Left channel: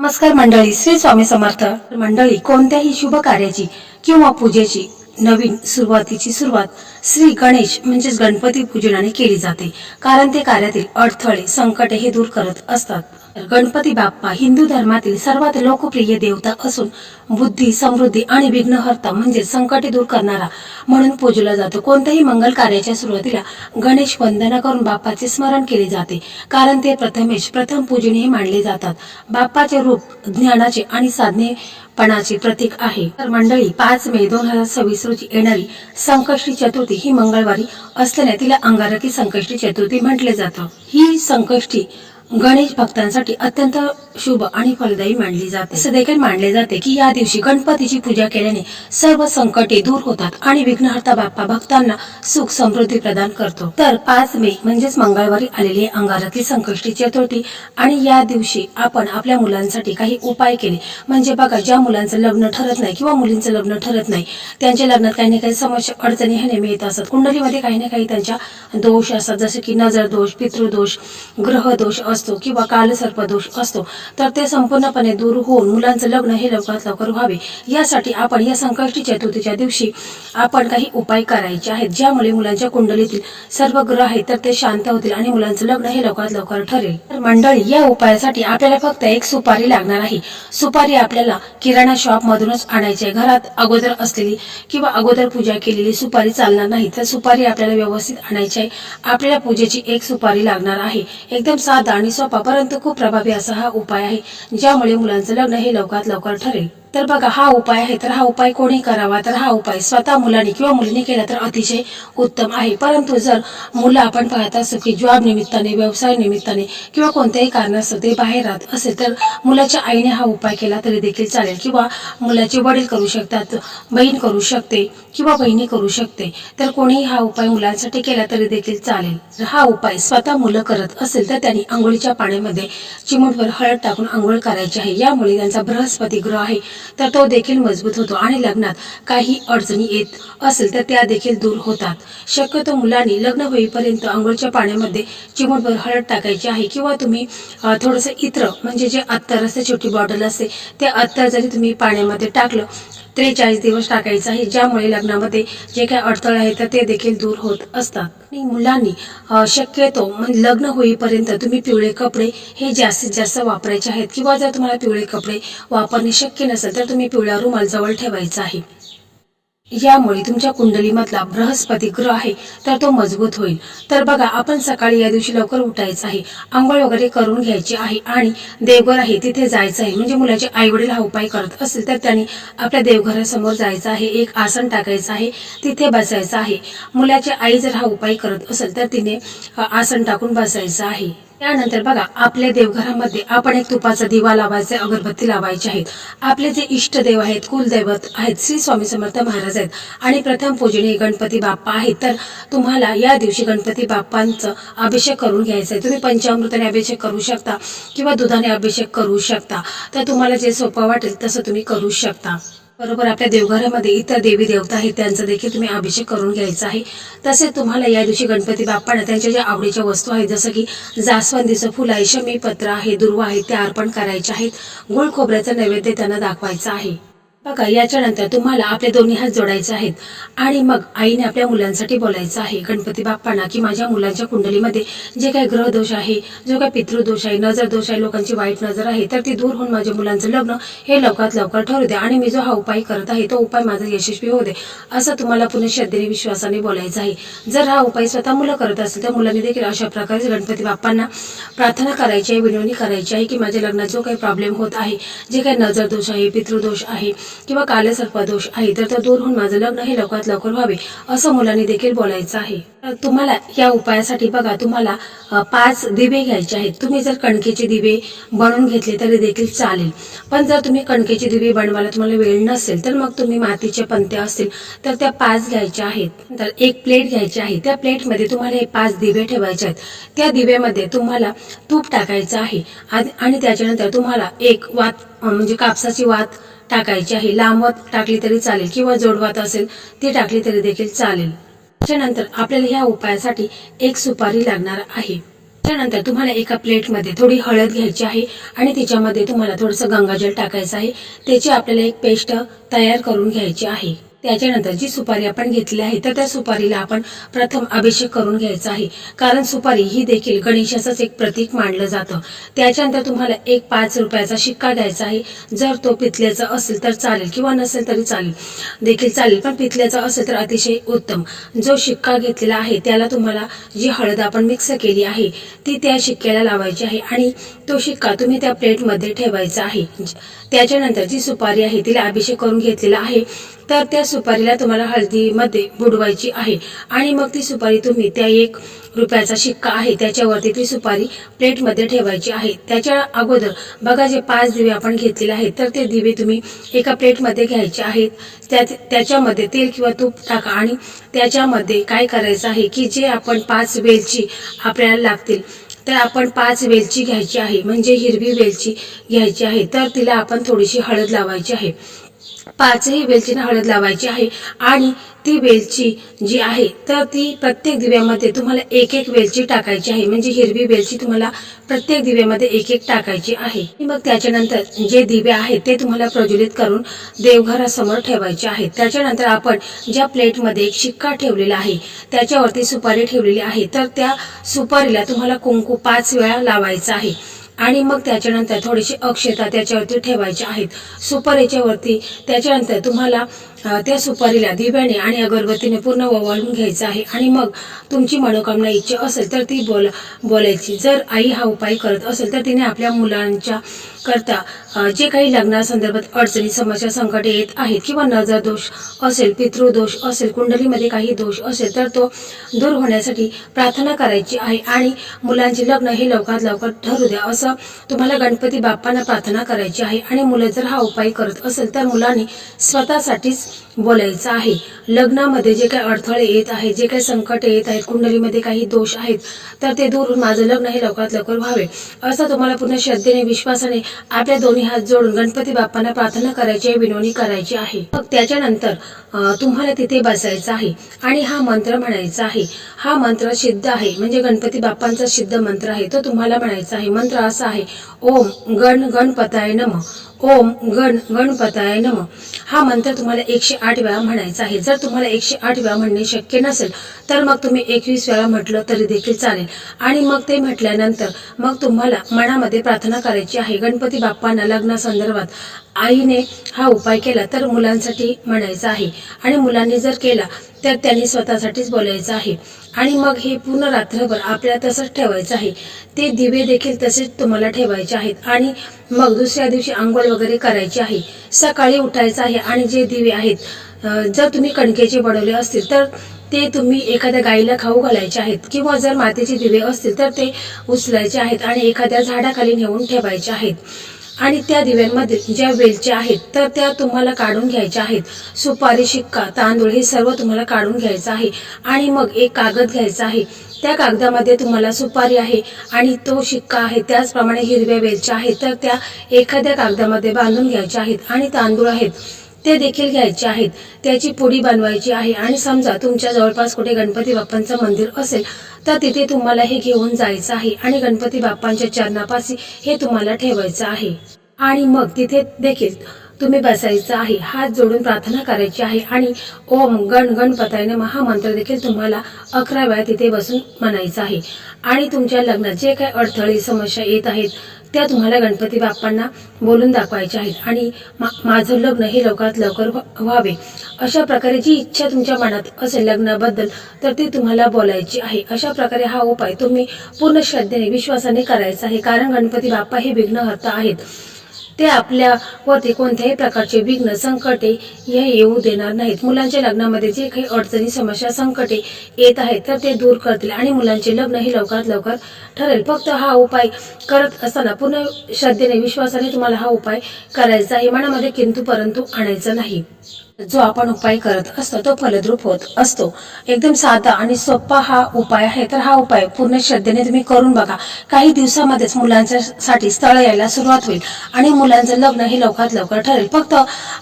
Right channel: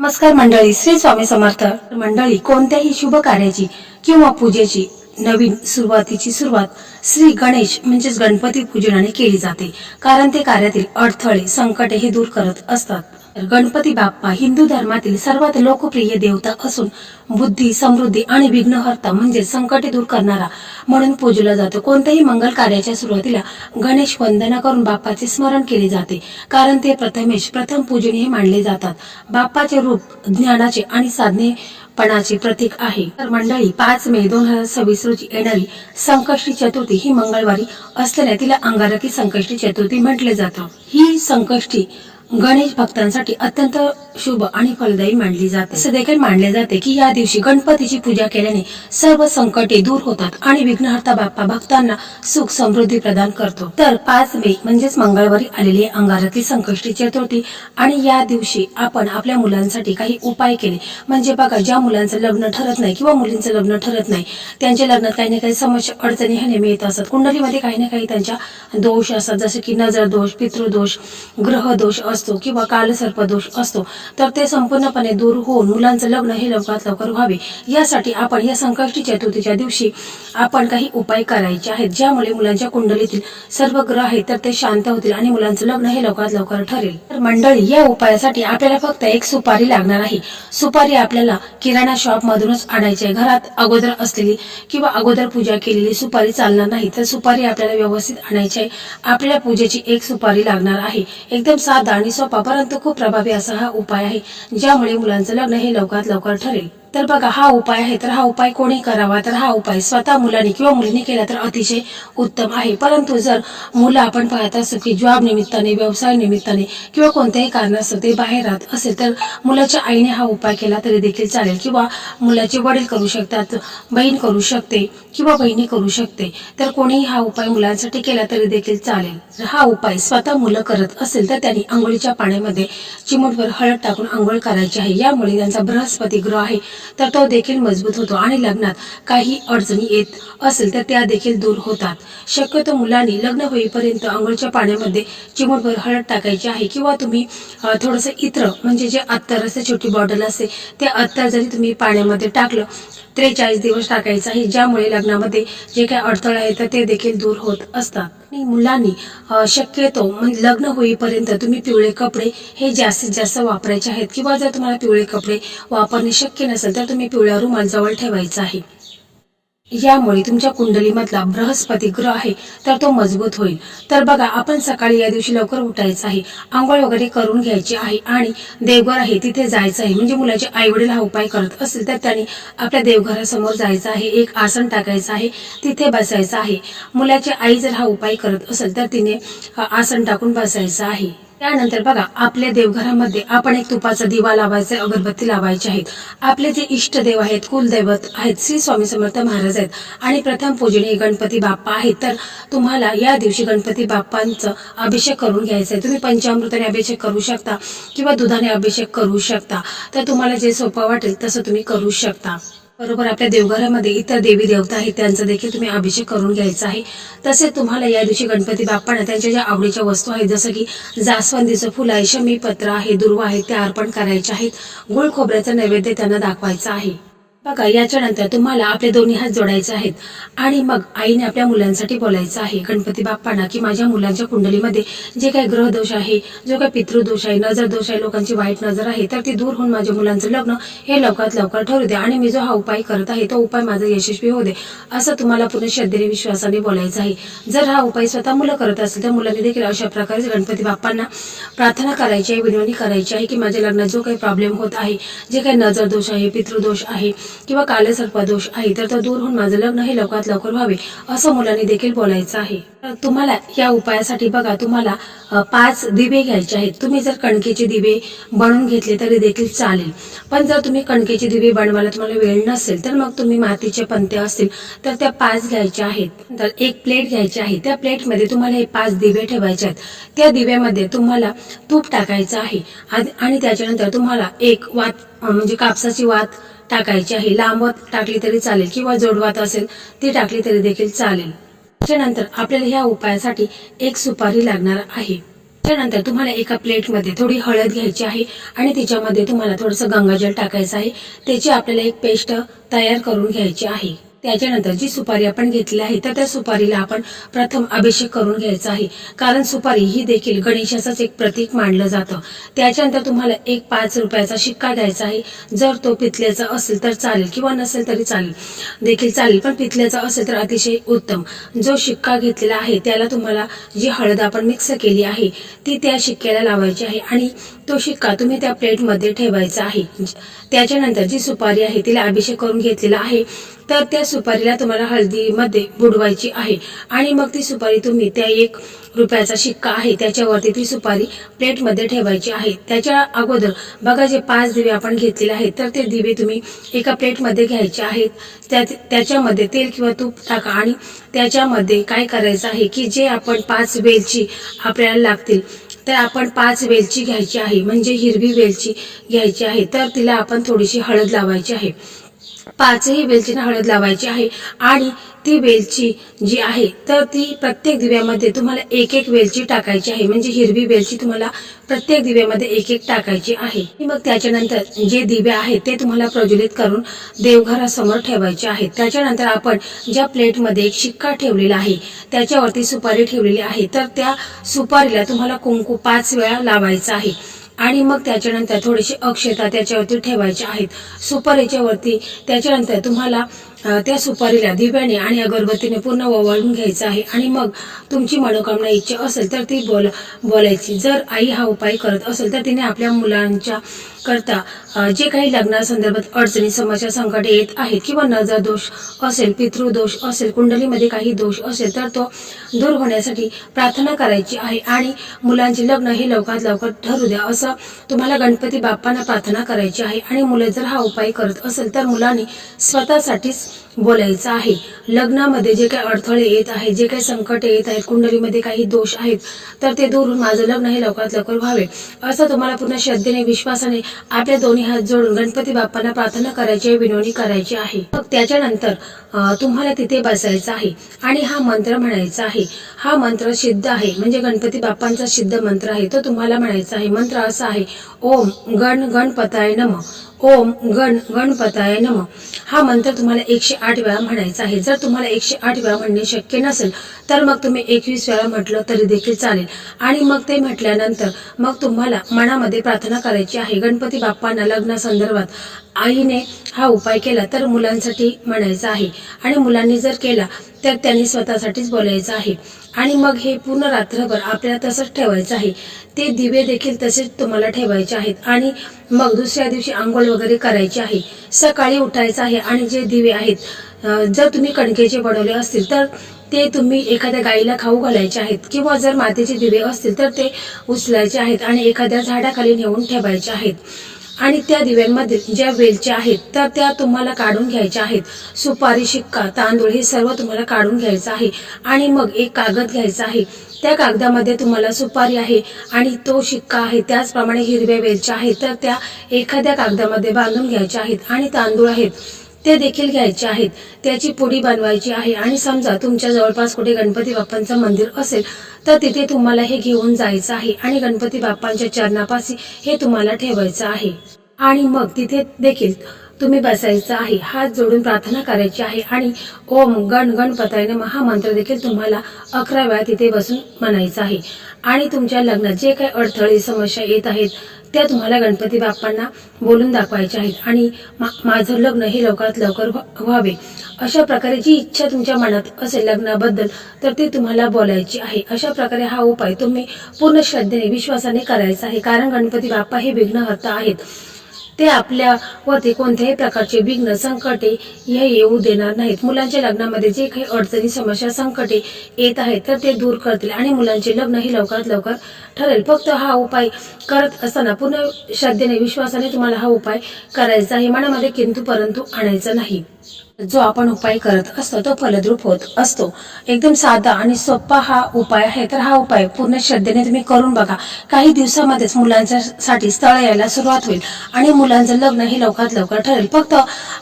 नमस्कार मंडळी, श्री स्वामी समर्थ मंडळी. कोणत्याही शुभ कार्याची किंवा पूजेची नवीन सुरुवातीची सुरुवात श्री गणेश म्हणजेच गणपती पूजनाने केली जाते, कारण ते कार्यातील अडथळे संकटे हे दूर करत असतात. गणपती बाप्पा हिंदू धर्मातील सर्वात लोकप्रिय देवता असून बुद्धी, समृद्धी आणि विघ्नहर्ता म्हणजे संकटे दूर करणारा म्हणून पूजला जातो. कोणत्याही मंगल कार्याच्या सुरुवातीला गणेश वंदना करून बाप्पाचे स्मरण केले जाते, कारण ते प्रथम पूजनीय मानले जातात. बाप्पाचे रूप ज्ञानाचे आणि साधनेपणाचे प्रतीक आहे. तर मंडळी, 5 मे 2026 रोजी येणारी संकष्टी चतुर्थी ही मंगळवारी असल्याने तिला अंगारकी संकष्टी चतुर्थी म्हटले जातं. ही संकष्टी गणेश भक्तांसाठी अत्यंत शुभ आणि फलदायी मानली जाते. असे देखील मानले जाते की या दिवशी गणपतीची पूजा केल्याने सर्व संकटे दूर होतात आणि विघ्नहर्ता बाप्पा भक्तांना सुख समृद्धी प्रदान करतो. तर 5 मे म्हणजेच मंगळवारी आलेली अंगारकी संकष्टी चतुर्थी आणि या दिवशी आपण आपल्या मुलांसाठी काही उपाय केले म्हणजे बघा, ज्या मुलांचं लग्न ठरत नाही किंवा मुलींचं लग्न ठरत नाही, त्यांच्या लग्नात काही ना काही समस्या अडचणी हे नेहमी येत असतात. कुंडलीमध्ये काही ना काही त्यांच्या दोष असतात, जसे की नजर दोष, पितृदोष, ग्रह दोष असतो किंवा कालसर्प दोष असतो. तर ते संपूर्णपणे दूर होऊन मुलांचं लग्न हे लवकरात लवकर व्हावे यासाठी आपण या संकष्टी चतुर्थीच्या दिवशी आपण काही उपाय करायचे आहेत, ज्यामुळे मुलांच्या कुंडलीतील सर्व ग्रह आहेत तर ते शांत होतील आणि मुलांचं लग्न हे लवकरात लवकर ठरेल. तर मंडळी, या उपायासाठी आपल्याला फक्त एक सुपारी लागणार आहे. सुपारी आपल्याला किराणा शॉप मधूनच आणायची आहे. घरात अगोदर असलेली किंवा अगोदर पूजा केलेली सुपारी चालणार नाही, तर सुपारी आपल्याला व्यवस्थित आणायची आहे. आपल्याला पूजेची एक सुपारी लागणार आहे. एकदम साधा आणि सोपा परंतु खूप प्रभावी असा हा उपाय आहे, ज्यामुळे मुलांचं लग्न हे लवकरात लवकर ठरेल. तर बघा, हा उपाय आहे. तर हा उपाय कोणी करावा, तर हा उपाय स्वतः मुलांनी किंवा मुलींनी केला तर अतिशय उत्तम आहे. परंतु जर मुलं आपण पाहत असतो की जॉब निमित्ताने, व्यवसाय निमित्ताने किंवा कोणत्याही कारणास्तव ते बाहेर राहत असेल तर मुलाच्या आईने हा उपाय केला तरी देखील चालेल, किंवा मुलाचे वडील करू शकतात, बहीण करू शकते किंवा बहिणी करू शकते. तर कोणीही हा उपाय मुलांसाठी केला तरी देखील चालेल. जर हा उपाय स्वतः मुलं करत असेल तर त्यांनी आंघोळीच्या पाण्यामध्ये चिमूटभर हळद टाकून आंघोळ करायची आहे. यामुळे त्यांचा बृहस्पती ग्रह आहे तर तो देखील मजबूत होतो आणि लग्नात काही अडचणी येत असेल तर त्या देखील दूर होतात. शक्यतो मुलांनी लग्न होईपर्यंत आंघोळीच्या पाण्यामध्ये चिमूटभर हळद टाकायची आहे, किंवा तुम्ही थोडंसं इत्र म्हणजे जे अत्तर असते, छोटी बॉटल असते, ते अत्तर जरी तुम्ही पाण्यामध्ये टाकलं 43 दिवस टाकायचं आहे, ज्यामुळे लग्नामध्ये जे काही अडथळे आहेत तर ते देखील दूर होत असतात. आणि मुलांनी शक्यतो म्हणजे लग्न होईपर्यंत तुम्ही पिवळे कपडे हे जास्तीत जास्त वापरायचे आहेत, किंवा जर तुम्हाला पिवळे कपडे वापरणे शक्य नसेल तर तुम्ही पिवळा रुमाल जवळ ठेवायचा आहे. यामुळे तुमच्या कुंडलीमधला बृहस्पती ग्रह आहे तर तो मजबूत होईल. तर बघा, आपण सकाळी या दिवशी लवकर उठायचं आहे, आंघोळ वगैरे करून घ्यायची आहे आणि देवघर आहे तिथे जायचं आहे. म्हणजे मुलाचे आईवडील हा उपाय करत असतील तर त्यांनी आपल्या देवघरासमोर जायचं आहे, एक आसन टाकायचं आहे, तिथे बसायचं आहे. मुलाची आई जर हा उपाय करत असेल तर तिने आसन टाकून बसायचं आहे. त्यानंतर बघा, आपल्या देवघरामध्ये आपण एक तुपाचा दिवा लावायचा, अगरबत्ती लावायची आहेत. आपले जे इष्टदेव आहेत, कुलदैवत आहेत, श्री स्वामी समर्थ महाराज आहेत आणि प्रथम पूजनीय गणपती बाप्पा आहेत. तर तुम्हाला या दिवशी गणपती बाप्पांचं अभिषेक करून घ्यायचा आहे. तुम्ही पंचामृताने अभिषेक करू शकता किंवा दुधाने अभिषेक करू शकता. तर तुम्हाला जे सोपं वाटेल तसं तुम्ही करू शकता. बरोबर, आपल्या देवघरामध्ये इतर देवी देवता आहेत त्यांचा देखील तुम्ही अभिषेक करून घ्यायचा आहे. तसेच तुम्हाला या दिवशी गणपती बाप्पांना त्यांच्या ज्या आवडीच्या वस्तू आहेत, जसं की जास्वंदीचं फुल आहे, शमीपत्र आहे, दुर्वा आहे, त्या अर्पण करायचे आहेत. गुळ खोबऱ्याचा नैवेद्य त्यांना दाखवायचा आहे. बघा, याच्यानंतर तुम्हाला आपले दोन्ही हात जोडायचे आहेत आणि मग आईने आपल्या मुलांसाठी बोलायचं आहे गणपती बाप्पांना की माझ्या मुलांच्या कुंडलीमध्ये जे काही ग्रहदोष आहे, जो काही पितृदोष आहे, नजर दोष आहे, लोकांची वाईट नजर आहे, तर ती दूर होऊन माझ्या मुलांचं लग्न हे लवकरात लवकर ठरू दे आणि मी जो हा उपाय करत आहे तो उपाय माझा यशस्वी होऊ दे, असं तुम्हाला पुन्हा श्रद्धेने विश्वासाने बोलायचं आहे. जर हा उपाय स्वतः मुलं करत असेल तर मुलांनी देखील अशा प्रकारे गणपती बाप्पांना प्रार्थना करायची आहे, विनवणी करायची आहे की माझ्या लग्नात जो काही प्रॉब्लेम होत आहे, जे काही नजर दोष आहे, पितृदोष आहे किंवा कालसर्प दोष आहे, तर तो दूर होऊन माझं लग्न हे लवकरात लवकर व्हावे असं मुलांनी देखील बोलायचं आहे. तुम्हाला या उपायासाठी बघा, तुम्हाला 5 दिवे घ्यायचे आहेत. तुम्ही जर कणकेचे दिवे बनवून घेतले तरी देखील चालेल, पण जर तुम्ही कणकेचे दिवे बनवायला तुम्हाला वेळ नसेल तर मग तुम्ही मातीचे पंते असतील तर त्या 5 घ्यायच्या आहेत. तर एक प्लेट घ्यायची आहे, त्या प्लेटमध्ये तुम्हाला हे 5 दिवे ठेवायचे आहेत. त्या दिव्यामध्ये तुम्हाला तूप टाकायचं आहे आणि त्याच्यानंतर तुम्हाला एक वात म्हणजे कापसाची वात टाकायची आहे. लांब वात टाकली तरी चालेल किंवा जोडवात असेल ती टाकली तरी देखील चालेल. त्याच्यानंतर आपल्याला ह्या उपायासाठी एक सुपारी लागणार आहे. त्यानंतर तुम्हाला एका प्लेटमध्ये थोडी हळद घ्यायची आहे आणि तिच्यामध्ये तुम्हाला थोडंसं गंगाजल टाकायचं आहे. त्याची आपल्याला एक पेस्ट तयार करून घ्यायची आहे. त्याच्यानंतर जी सुपारी आपण घेतली आहे तर त्या सुपारीला आपण प्रथम अभिषेक करून घ्यायचा आहे, कारण सुपारी ही देखील गणेशाचंच एक प्रतीक मानलं जातं. त्याच्यानंतर तुम्हाला एक 5 रुपयाचा शिक्का घ्यायचा आहे. जर तो पितळेचा असेल तर चालेल किंवा नसेल तरी चालेल, पण पितळेचा असेल तर अतिशय उत्तम. जो शिक्का घेतलेला आहे त्याला तुम्हाला जी हळद आपण मिक्स केली आहे ती त्या शिक्क्याला लावायची आहे आणि तो शिक्का तुम्ही त्या प्लेटमध्ये ठेवायचा आहे. त्याच्यानंतर जी सुपारी आहे तिला अभिषेक करून घेतलेला आहे तर त्या सुपारीला तुम्हाला हळदीमध्ये बुडवायची आहे आणि मग ती सुपारी तुम्ही त्या 1 रुपयाचा शिक्का आहे त्याच्यावरती ती सुपारी प्लेटमध्ये ठेवायची आहे. त्याच्या अगोदर बघा जे 5 दिवे आपण घेतलेले आहेत तर ते दिवे तुम्ही एका प्लेटमध्ये घ्यायचे आहेत. त्याच्यामध्ये तेल किंवा तूप टाका आणि त्याच्यामध्ये काय करायचं आहे की जे आपण 5 वेलची आपल्याला लागतील तर आपण 5 वेलची घ्यायची आहे, म्हणजे हिरवी वेलची घ्यायची आहे. तर तिला आपण थोडीशी हळद लावायची आहे. 5ही वेलचीने हळद लावायची आहे आणि ती वेलची जी आहे तर ती प्रत्येक दिव्यामध्ये तुम्हाला एक वेलची टाकायची आहे, म्हणजे हिरवी वेलची तुम्हाला प्रत्येक दिव्यामध्ये एक टाकायची आहे. मग त्याच्यानंतर जे दिवे आहेत ते तुम्हाला प्रज्वलित करून देवघरासमोर ठेवायचे आहेत. त्याच्यानंतर आपण ज्या प्लेटमध्ये एक शिक्का ठेवलेला आहे त्याच्यावरती सुपारी ठेवलेली आहे तर त्या सुपारीला तुम्हाला कुंकू 5 वेळा लावायचा आहे आणि मग त्याच्यानंतर थोडीशी अक्षता त्याच्यावरती ठेवायची आहेत सुपारीच्या वरती. त्याच्यानंतर तुम्हाला त्या सुपारीला दिव्याने आणि अगरबत्तीने पूर्ण ओवाळून घ्यायचं आहे आणि मग तुमची मनोकामना इच्छा असेल तर ती बोलायची. जर आई हा उपाय करत असेल तर तिने आपल्या मुलांच्या करता जे काही लग्नासंदर्भात अडचणी समस्या संकटे येत आहेत किंवा नजर दोष असेल, पितृदोष असेल, कुंडलीमध्ये काही दोष असेल तर तो दूर होण्यासाठी प्रार्थना करायची आहे आणि मुलांचे लग्न हे लवकरात लवकर ठरू द्या असं तुम्हाला गणपती बाप्पांना प्रार्थना करायची आहे. आणि मुलं जर हा उपाय करत असेल तर मुलांनी स्वतःसाठीच बोलायचं आहे. लग्नामध्ये जे काही अडथळे येत आहेत, जे काही संकट येत आहेत, कुंडलीमध्ये काही दोष आहेत तर ते दूर होऊन माझं लग्न हे लवकरात लवकर व्हावे असं तुम्हाला पूर्ण श्रद्धेने विश्वासाने आपल्या दोन्ही हात जोडून गणपती बाप्पांना प्रार्थना करायची आहे, विनवणी करायची आहे. मग त्याच्यानंतर तुम्हाला तिथे बसायचं आहे आणि हा मंत्र म्हणायचा आहे. हा मंत्र सिद्ध आहे, म्हणजे गणपती बाप्पांचा सिद्ध मंत्र आहे. तो तुम्हाला म्हणायचा आहे. मंत्र असा आहे, ओम गणपताय नमः, ओम गणपताय नमः. हा मंत्र तुम्हाला 108 वेळा म्हणायचा आहे. जर तुम्हाला 108 वेळा म्हणणे शक्य नसेल तर मग तुम्ही 21 वेळा म्हटलं तरी देखील चालेल. आणि मग ते म्हटल्यानंतर मग तुम्हाला मनामध्ये प्रार्थना करायची आहे. गणपती बाप्पांना लग्नासंदर्भात आईने हा उपाय केला तर मुलांसाठी म्हणायचा आहे आणि मुलांनी जर केला तर त्यांनी स्वतःसाठीच बोलायचं आहे. आणि मग हे पूर्ण रात्रभर आपल्याला तसंच ठेवायचं आहे. ते दिवे देखील तसेच तुम्हाला ठेवायचे आहेत आणि मग दुसऱ्या दिवशी आंघोळ वगैरे करायची आहे. सकाळी उठायचं आहे आणि जे दिवे आहेत जर तुम्ही कणकेचे बनवले असतील तर ते तुम्ही एखाद्या गाईला खाऊ घालायचे आहेत किंवा जर मातीचे दिवे असतील तर ते उचलायचे आहेत आणि एखाद्या झाडाखाली नेऊन ठेवायचे आहेत. आणि त्या दिव्यांमध्ये ज्या वेलच्या आहेत तर त्या तुम्हाला काढून घ्यायच्या आहेत. सुपारी, शिक्का, तांदूळ हे सर्व तुम्हाला काढून घ्यायचं आहे आणि मग एक कागद घ्यायचा आहे. त्या कागदामध्ये तुम्हाला सुपारी आहे आणि तो शिक्का आहे, त्याचप्रमाणे हिरव्या वेलच्या आहेत तर त्या एखाद्या कागदामध्ये बांधून घ्यायच्या आहेत आणि तांदूळ आहेत ते देखील घ्यायचे आहेत. त्याची पुडी बनवायची आहे आणि समजा तुमच्या जवळपास कुठे गणपती बाप्पांचं मंदिर असेल तर तिथे तुम्हाला हे घेऊन जायचं आहे आणि गणपती बाप्पांच्या चरणापाशी हे तुम्हाला ठेवायचं आहे. आणि मग तिथे देखील तुम्ही बसायचं आहे, हात जोडून प्रार्थना करायची आहे आणि ओम गणपताय नमः हा मंत्र देखील तुम्हाला 11 वेळा तिथे बसून म्हणायचा आहे. आणि तुमच्या लग्नात जे काही अडथळे समस्या येत आहेत त्या तुम्हाला गणपती बाप्पांना बोलून दाखवायच्या आहेत आणि माझं लग्न हे लवकरात लवकर व्हावे अशा प्रकारे जी इच्छा तुमच्या मनात असेल लग्नाबद्दल तर ती तुम्हाला बोलायची आहे. अशा प्रकारे हा उपाय तुम्ही पूर्ण श्रद्धेने विश्वासाने करायचा आहे, कारण गणपती बाप्पा हे विघ्नहर्ता आहेत. ते आपल्यावरती कोणत्याही प्रकारचे विघ्न संकटे हे येऊ देणार नाहीत. मुलांच्या लग्नामध्ये जे काही अडचणी समस्या संकटे येत आहेत तर ते दूर करतील आणि मुलांचे लग्न हे लवकरात लवकर ठरेल. फक्त हा उपाय करत असताना पूर्ण श्रद्धेने विश्वासाने तुम्हाला हा उपाय करायचा आहे. मनामध्ये किंतु परंतु आणायचा नाही. जो आपण उपाय करत असतो तो फलद्रूप होत असतो। एकदम साधा आणि सोपा हा उपाय आहे। तर हा उपाय पूर्ण श्रद्धेने तुम्ही करून बघा। काही दिवसामध्येच मुलांसाठी स्थळ यायला सुरुवात होईल आणि मुलांचं लग्न हे लवकरात लवकर ठरेल। फक्त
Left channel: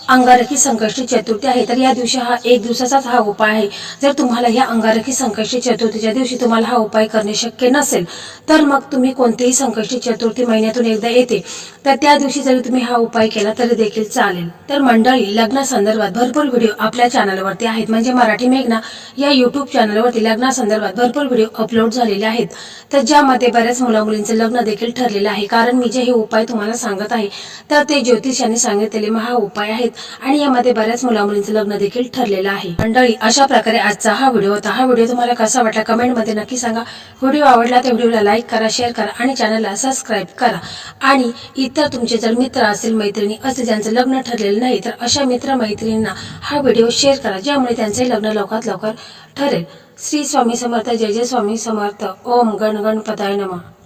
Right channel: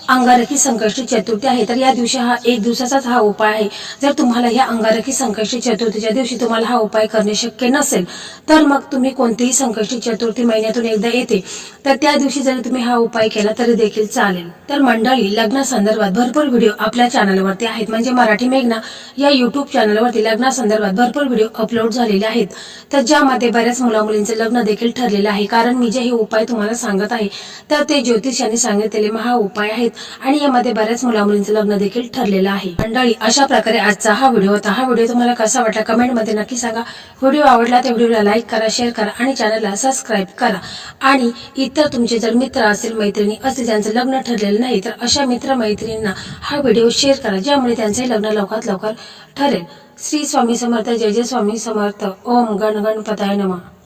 अंगारकी संकष्टी चतुर्थी आहे, तर या दिवशी हा एक दिवसाचाच हा उपाय आहे। जर तुम्हाला या अंगारकी संकष्टी चतुर्थीच्या दिवशी तुम्हाला हा उपाय करणे शक्य नसेल, तर मग तुम्ही कोणतीही संकष्टी चतुर्थी महिन्यातून एकदा येते, तर त्या दिवशी जरी तुम्ही हा उपाय केला तरी देखील चालेल। तर मंडळी, लग्नासंदर्भात भरपूर व्हिडिओ आपल्या चॅनलवरती आहेत, म्हणजे मराठी मेघना या यूट्यूब चॅनलवरती लग्नासंदर्भात भरपूर व्हिडिओ अपलोड झालेले आहेत, तर ज्यामध्ये बऱ्याच मुलामुलींचं लग्न देखील ठरलेलं आहे। कारण मी जे हे उपाय तुम्हाला सांगत आहे तर ते ज्योतिषाने सांगितलेले महा उपाय आहेत आणि यामध्ये बऱ्याच मुलामुलींचं लग्न देखील ठरलेलं आहे। मंडळी, अशा प्रकारे आजचा हा व्हिडिओ होता। हा व्हिडिओ तुम्हाला कसा वाटला कमेंटमध्ये नक्की सांगा। व्हिडिओ आवडला तर व्हिडिओला लाईक करा, शेअर करा आणि चॅनलला सबस्क्राईब करा। आणि इतर तुमचे जर मित्र असेल, मैत्रिणी असतील ज्यांचं लग्न ठरलेलं नाही, तर अशा मित्र मैत्रिणींना हा व्हिडिओ शेअर करा, ज्यामुळे त्यांचे लग्न लवकरात लवकर ठरेल। श्री स्वामी समर्थ, जय जय स्वामी समर्थ। ओम गण गणपताय नमः।